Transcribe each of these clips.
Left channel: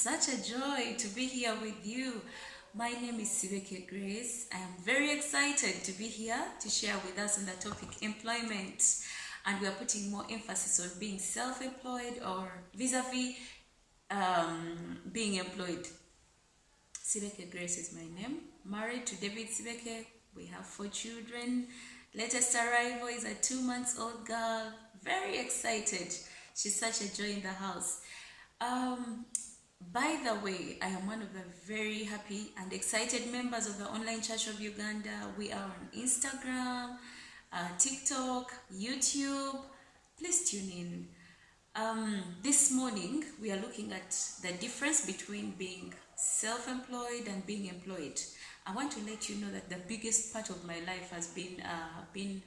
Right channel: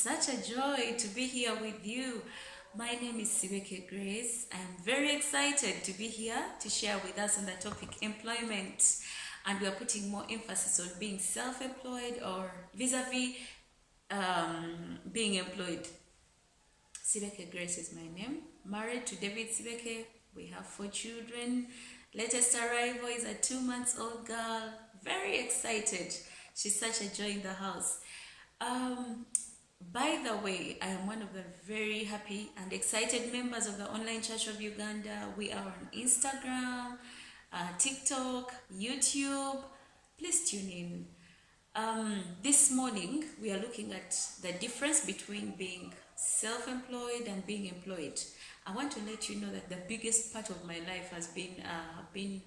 such a joy to be here with you. My name is Sibeke Grace. I am very excited to be here to share with us on the topic employment. And we are putting more emphasis on being self-employed or vis-a-vis being employed. Sibeke Grace is my name. Married to David Sibeke. We have 4 children. Latest arrival is a 2-month-old girl. Very excited. She's such a joy in the house. By the way, I am one of the very happy and excited members of the Online Church of Uganda. We are on Instagram, TikTok, YouTube. Please tune in. This morning, we are looking at the difference between being self-employed and being employed. I want to let you know that the biggest part of my life has been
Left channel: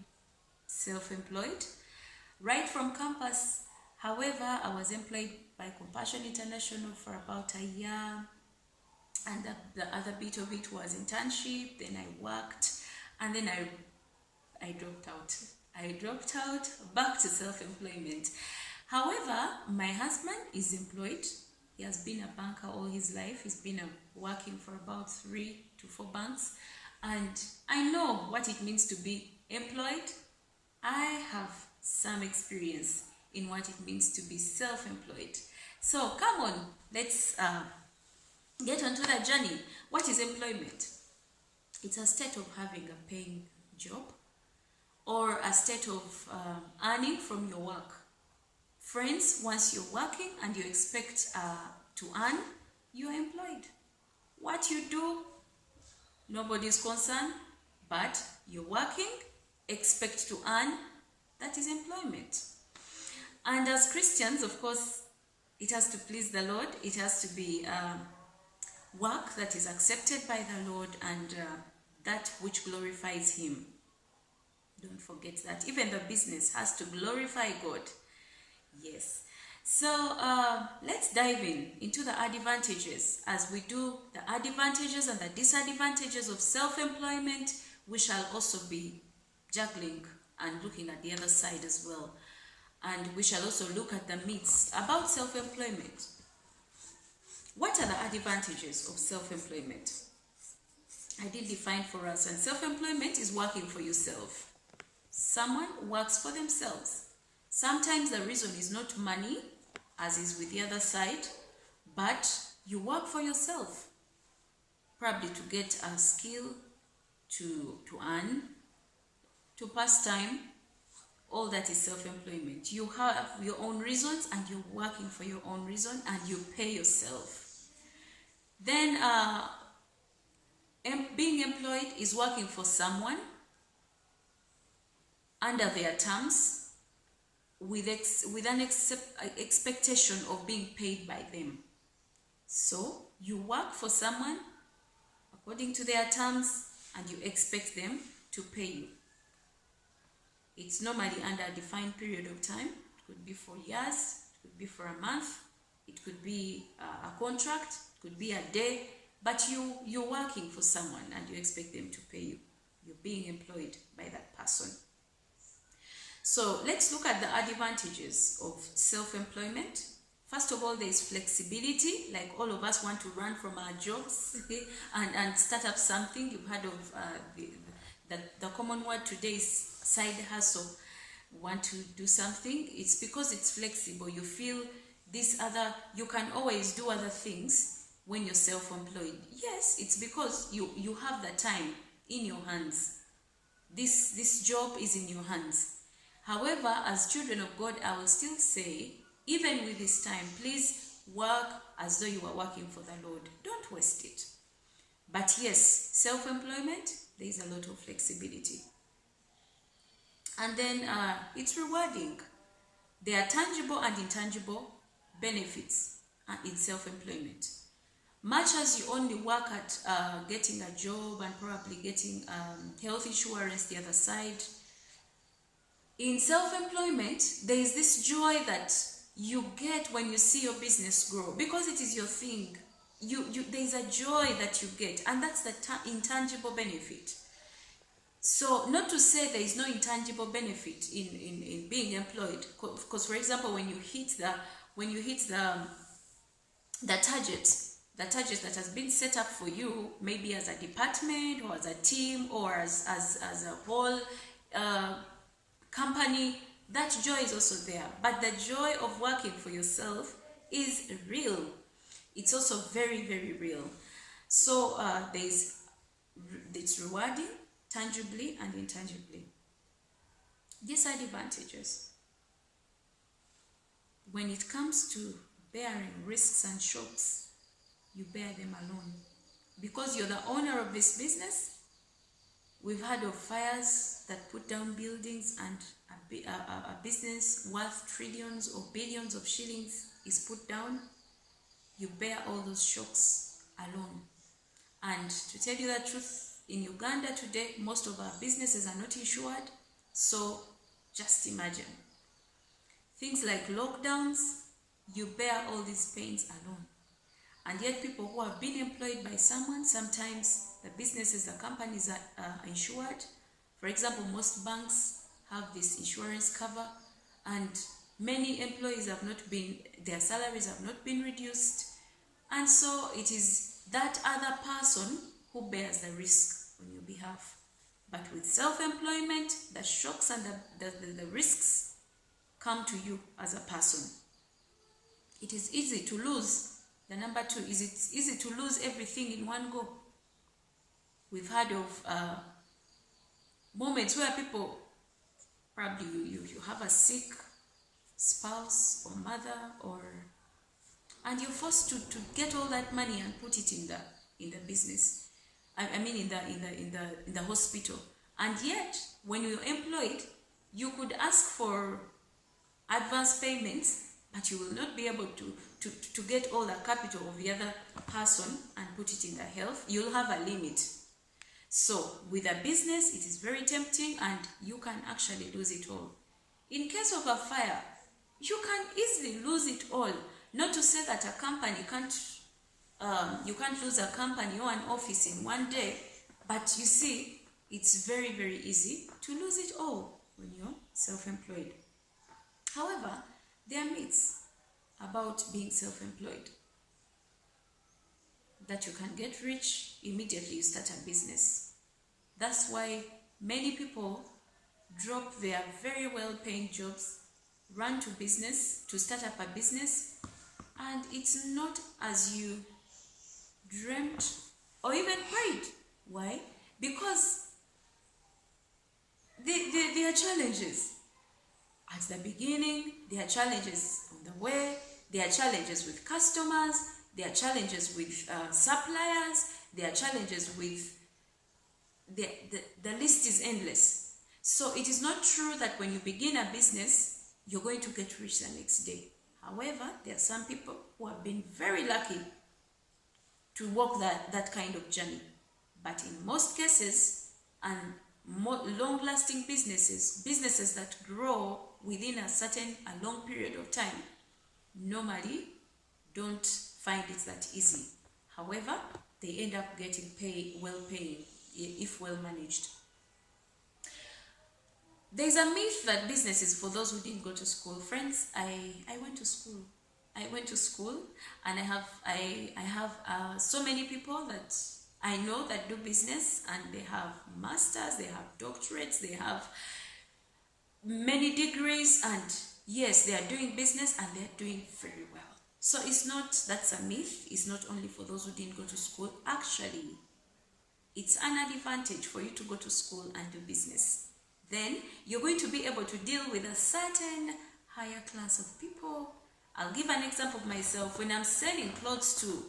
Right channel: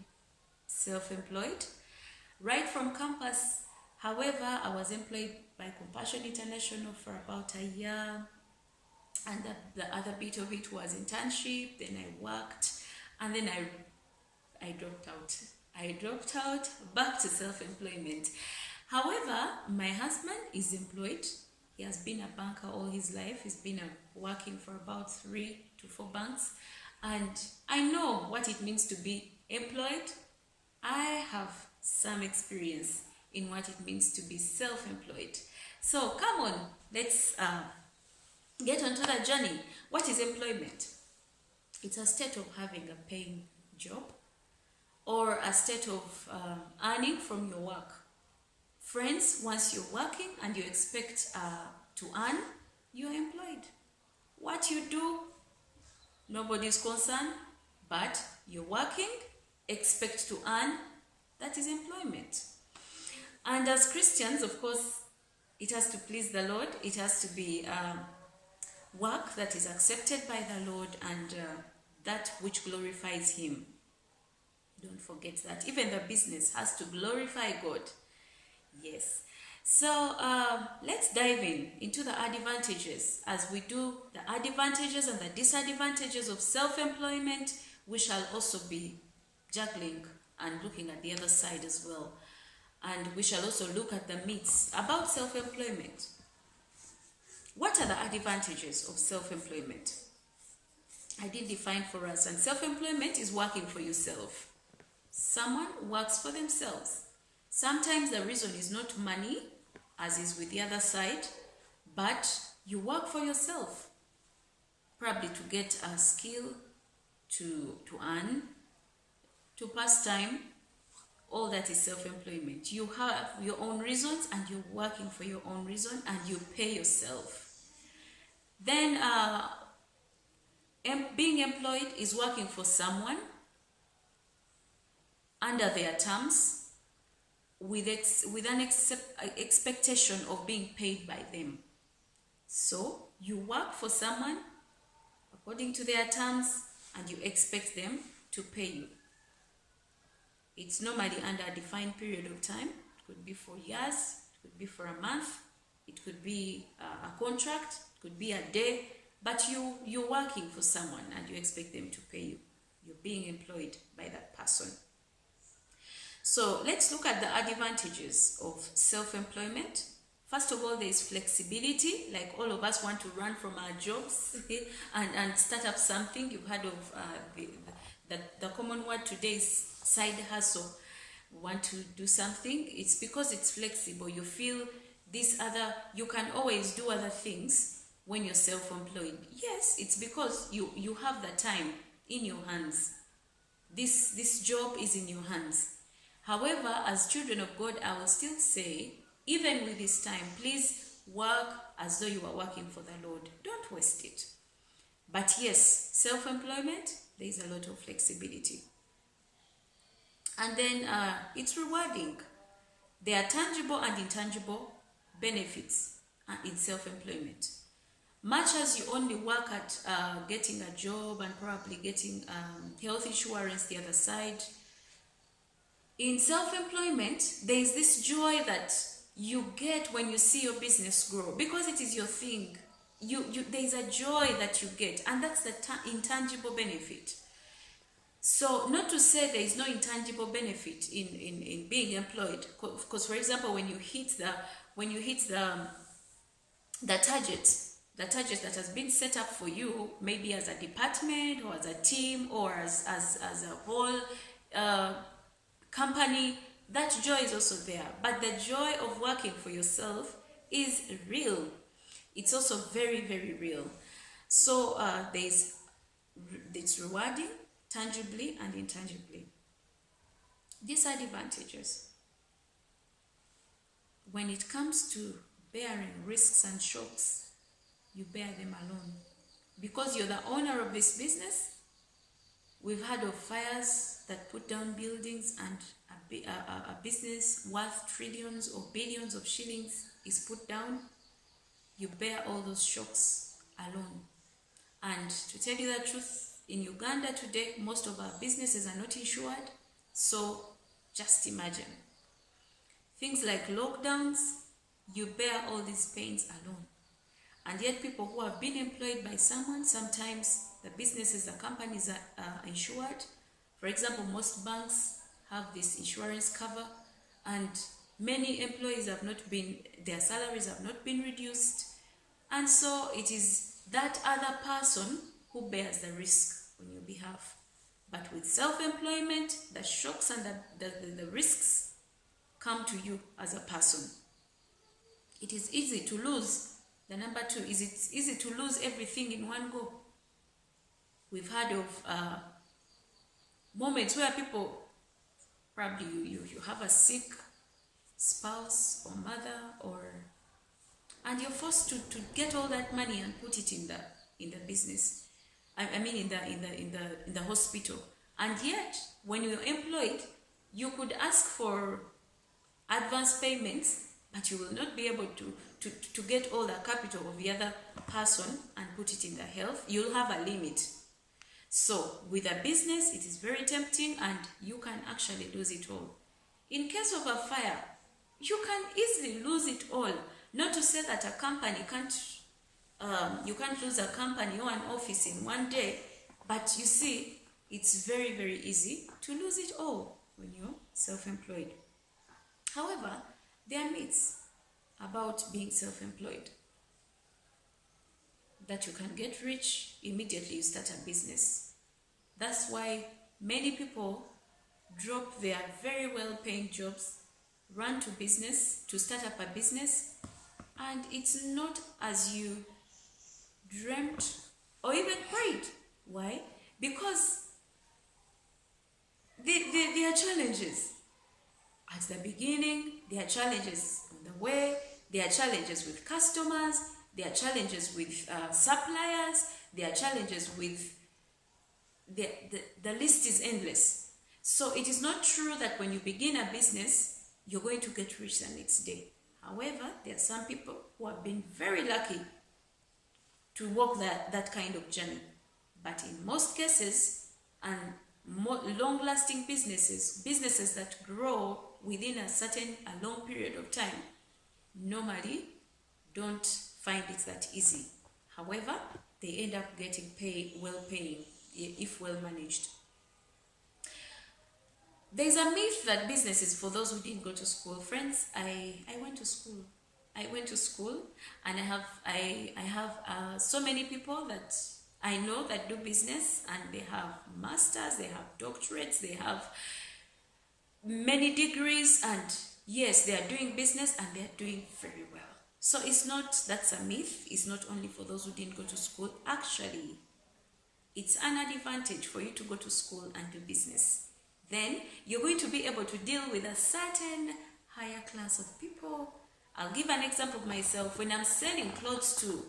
self-employed. Right from campus, however, I was employed by Compassion International for about a year, and the other bit of it was internship. Then I worked, and then I dropped out. I dropped out back to self-employment. However, my husband is employed. He has been a banker all his life. He's been working for about 3 to 4 banks, and I know what it means to be employed. I have some experience in what it means to be self-employed. So come on, let's get onto the journey. What is employment? It's a state of having a paying job or a state of earning from your work. Friends, once you're working and you expect to earn, you are employed. What you do, nobody's concerned, but you're working, expect to earn, that is employment. And as Christians, of course, it has to please the Lord. It has to be work that is accepted by the Lord and that which glorifies Him. Don't forget that. Even the business has to glorify God. Yes. So let's dive into the advantages. As we do the advantages and the disadvantages of self-employment, we shall also be juggling and looking at the other side as well. And we shall also look at the myths about self-employment. What are the advantages of self-employment? I did define for us. And self-employment is working for yourself. Someone works for themselves. Sometimes the reason is not money, as is with the other side, but you work for yourself. Probably to get a skill, to earn, to pass time. All that is self-employment. You have your own reasons and you're working for your own reason and you pay yourself. Then being employed is working for someone under their terms with an expectation of being paid by them. So you work for someone according to their terms and you expect them to pay you. It's normally under a defined period of time. It could be for years, it could be for a month, it could be a contract, it could be a day, but you're working for someone and you expect them to pay you. You're being employed by that person. So let's look at the advantages of self-employment. First of all, there is flexibility. Like all of us want to run from our jobs and start up something. You've heard of the common word today is side hustle. Want to do something, it's because it's flexible. You feel you can always do other things when you're self-employed. Yes, it's because you have the time in your hands. This job is in your hands. However, as children of God, I will still say, even with this time, please work as though you are working for the Lord. Don't waste it. But yes, self-employment, there is a lot of flexibility. And then it's rewarding. There are tangible and intangible benefits in self-employment. Much as you only work at getting a job and probably getting health insurance the other side, in self-employment, there is this joy that you get when you see your business grow because it is your thing. There is a joy that you get, and that's the intangible benefit. So not to say there is no intangible benefit in being employed, because for example, when you hit the the target that has been set up for you, maybe as a department or as a team or as a whole company, that joy is also there. But the joy of working for yourself is real. It's also very, very real. So it's rewarding, tangibly and intangibly. These are advantages. When it comes to bearing risks and shocks, you bear them alone. Because you're the owner of this business. We've heard of fires that put down buildings, and a business worth trillions or billions of shillings is put down. You bear all those shocks alone. And to tell you the truth, in Uganda today, most of our businesses are not insured. So just imagine. Things like lockdowns, you bear all these pains alone. And yet people who have been employed by someone, sometimes the businesses, the companies are insured. For example, most banks have this insurance cover, and many employees have not been, their salaries have not been reduced. And so it is that other person who bears the risk on your behalf. But with self-employment, the shocks and the risks come to you as a person. It is easy to lose. The number two is it's easy to lose everything in one go. We've heard of moments where people, probably you have a sick spouse or mother, and you're forced to get all that money and put it in the business. I mean in the hospital. And yet, when you're employed, you could ask for advance payments, but you will not be able to get all the capital of the other person and put it in the health. You'll have a limit. So with a business, it is very tempting, and you can actually lose it all. In case of a fire, you can easily lose it all. Not to say that a company you can't lose a company or an office in one day, but you see, it's very, very easy to lose it all when you're self-employed. However, there are myths about being self-employed. That you can get rich immediately you start a business. That's why many people drop their very well-paying jobs, run to business, to start up a business, and it's not as you dreamt or even prayed. Why? Because there are challenges. At the beginning, there are challenges on the way, there are challenges with customers, there are challenges with suppliers, there are challenges with, the list is endless. So it is not true that when you begin a business, you're going to get rich the next day. However, there are some people who have been very lucky to walk that kind of journey. But in most cases, and long-lasting businesses that grow within a long period of time, normally don't find it that easy. However, they end up getting well-paying if well managed. There's a myth that business is for those who didn't go to school. Friends, I went to school. And I have so many people that I know that do business, and they have masters, they have doctorates, they have many degrees, and yes, they are doing business and they're doing very well. So that's a myth. It's not only for those who didn't go to school. Actually, it's an advantage for you to go to school and do business. Then you're going to be able to deal with a certain higher class of people. I'll give an example of myself. When I'm selling clothes to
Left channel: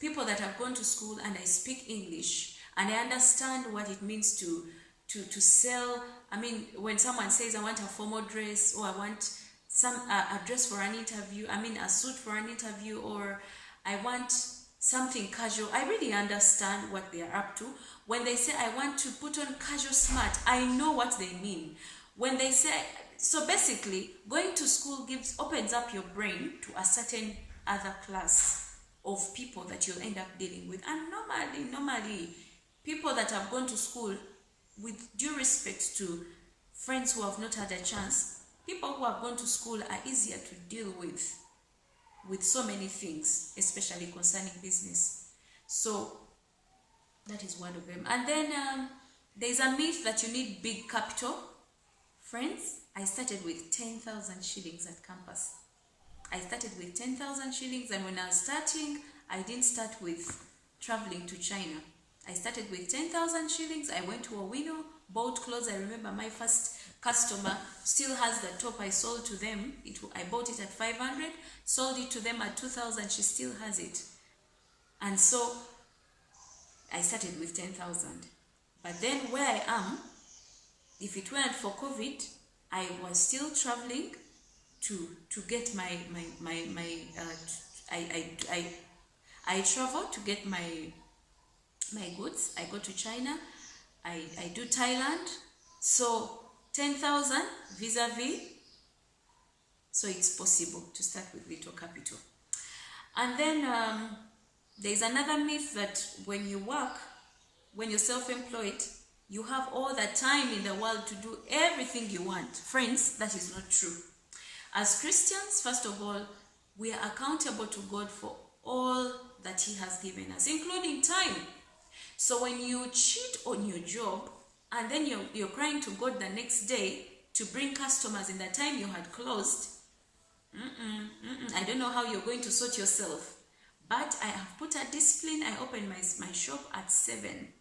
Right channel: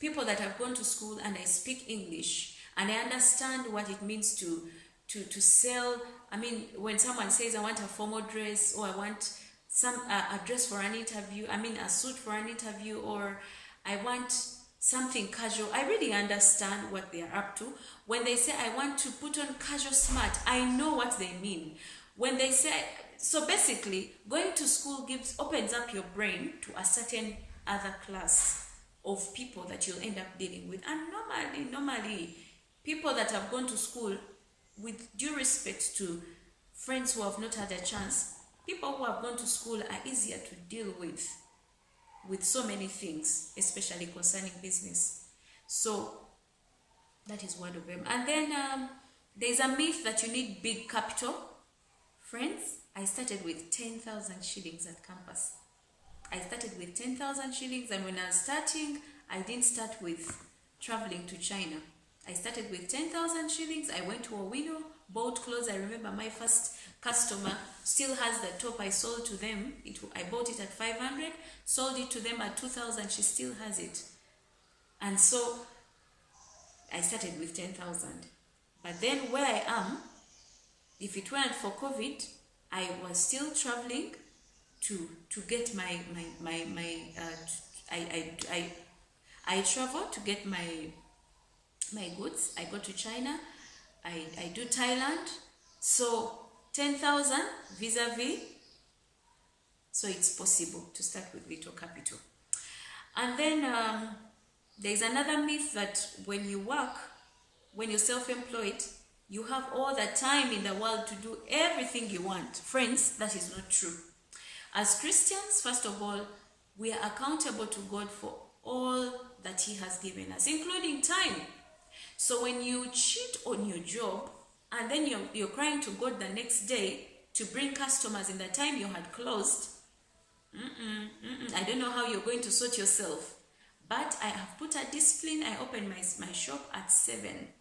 people that have gone to school and I speak English and I understand what it means to sell. I mean, when someone says, I want a formal dress, or I want a dress for an interview, a suit for an interview, or I want something casual, I really understand what they are up to. When they say, I want to put on casual smart, I know what they mean. When they say, so basically, going to school opens up your brain to a certain other class of people that you'll end up dealing with. And normally, people that have gone to school, with due respect to friends who have not had a chance, people who have gone to school are easier to deal with with so many things, especially concerning business. So that is one of them. And then there's a myth that you need big capital. Friends, I started with 10,000 shillings at campus. I started with 10,000 shillings, and when I was starting, I didn't start with traveling to China. I started with 10,000 shillings. I went to Owino, bought clothes. I remember my first customer still has the top I sold to them. I bought it at 500, sold it to them at 2,000. She still has it. And so I started with 10,000. But then where I am, if it weren't for COVID, I was still traveling to get I travel to get my goods. I go to China. I do Thailand. So 10,000 vis-a-vis. So it's possible to start with little capital. And then there's another myth that when you work, when you're self-employed, you have all the time in the world to do everything you want. Friends, that is not true. As Christians, first of all, we are accountable to God for all that He has given us, including time. So when you cheat on your job and then you're crying to God the next day to bring customers in the time you had closed, I don't know how you're going to sort yourself. But I have put a discipline. I open my shop at 7.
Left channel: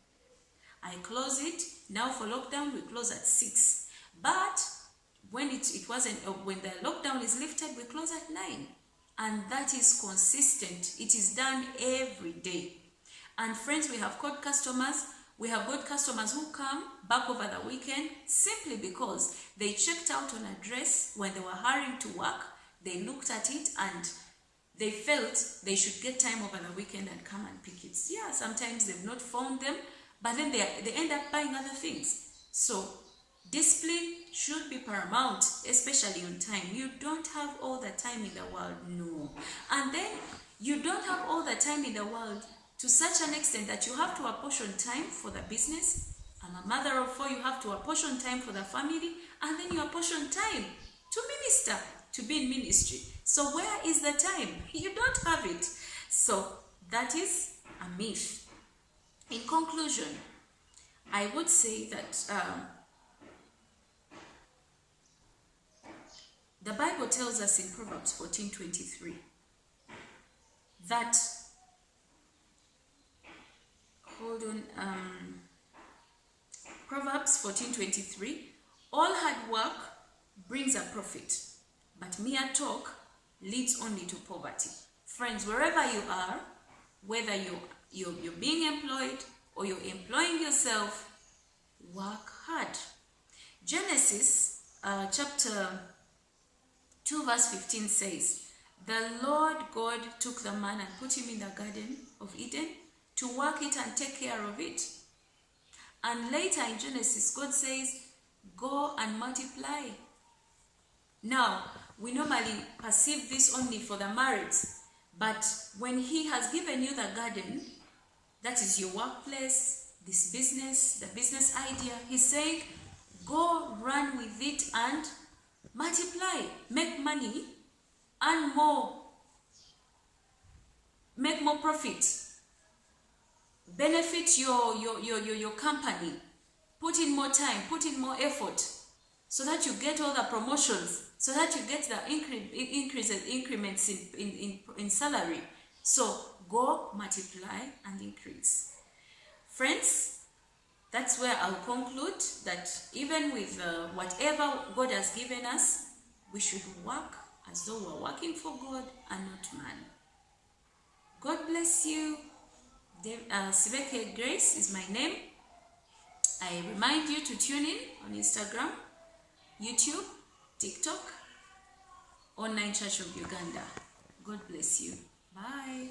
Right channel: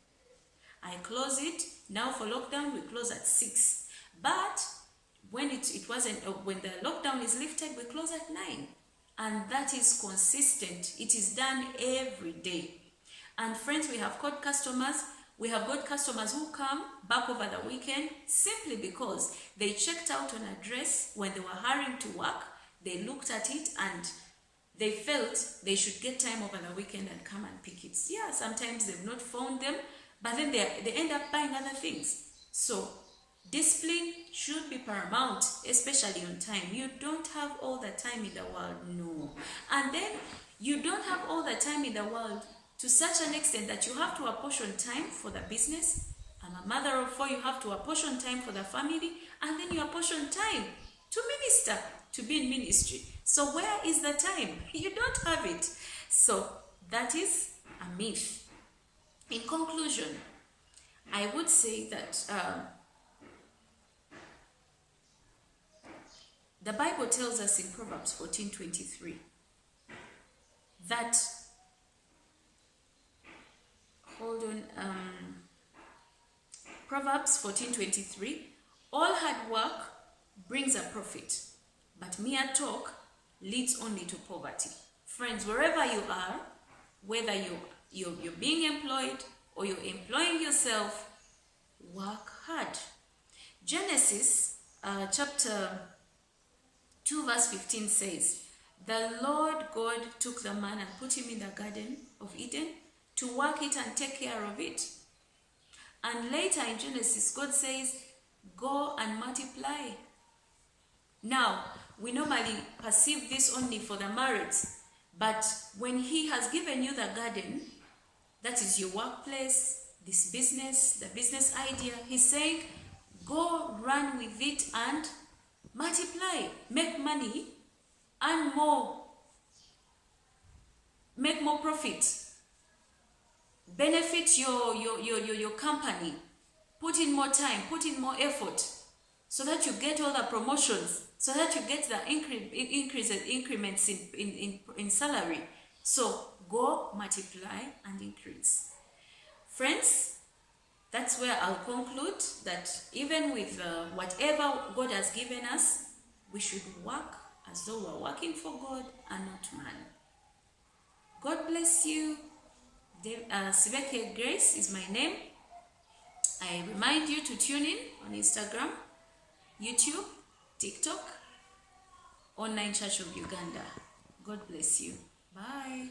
I close it. Now for lockdown, we close at 6. But when it wasn't, when the lockdown is lifted, we close at 9. And that is consistent. It is done every day. And friends, we have got customers. We have got customers who come back over the weekend simply because they checked out on a dress when they were hurrying to work. They looked at it and they felt they should get time over the weekend and come and pick it. Yeah, sometimes they've not found them, but then they end up buying other things. So discipline should be paramount, especially on time. You don't have all the time in the world, no. And then you don't have all the time in the world to such an extent that you have to apportion time for the business. I'm a mother of 4, you have to apportion time for the family, and then you apportion time to minister, to be in ministry. So where is the time? You don't have it. So that is a myth. In conclusion, I would say that the Bible tells us in Proverbs 14:23 that, Proverbs 14:23, all hard work brings a profit, but mere talk leads only to poverty. Friends, wherever you are, whether you're being employed or you're employing yourself, work hard. Genesis chapter 2 verse 15 says, the Lord God took the man and put him in the Garden of Eden to work it and take care of it. And later in Genesis, God says, go and multiply. Now, we normally perceive this only for the married, but when He has given you the garden, that is your workplace, this business, the business idea, He's saying, go run with it and multiply, make money, earn more, make more profit, benefit your company, put in more time, put in more effort, so that you get all the promotions, so that you get the increments in salary. So go multiply and increase. Friends, that's where I'll conclude that even with whatever God has given us, we should work as though we're working for God and not man. God bless you. Sibeke Grace is my name. I remind you to tune in on Instagram, YouTube, TikTok, Online Church of Uganda. God bless you. Bye.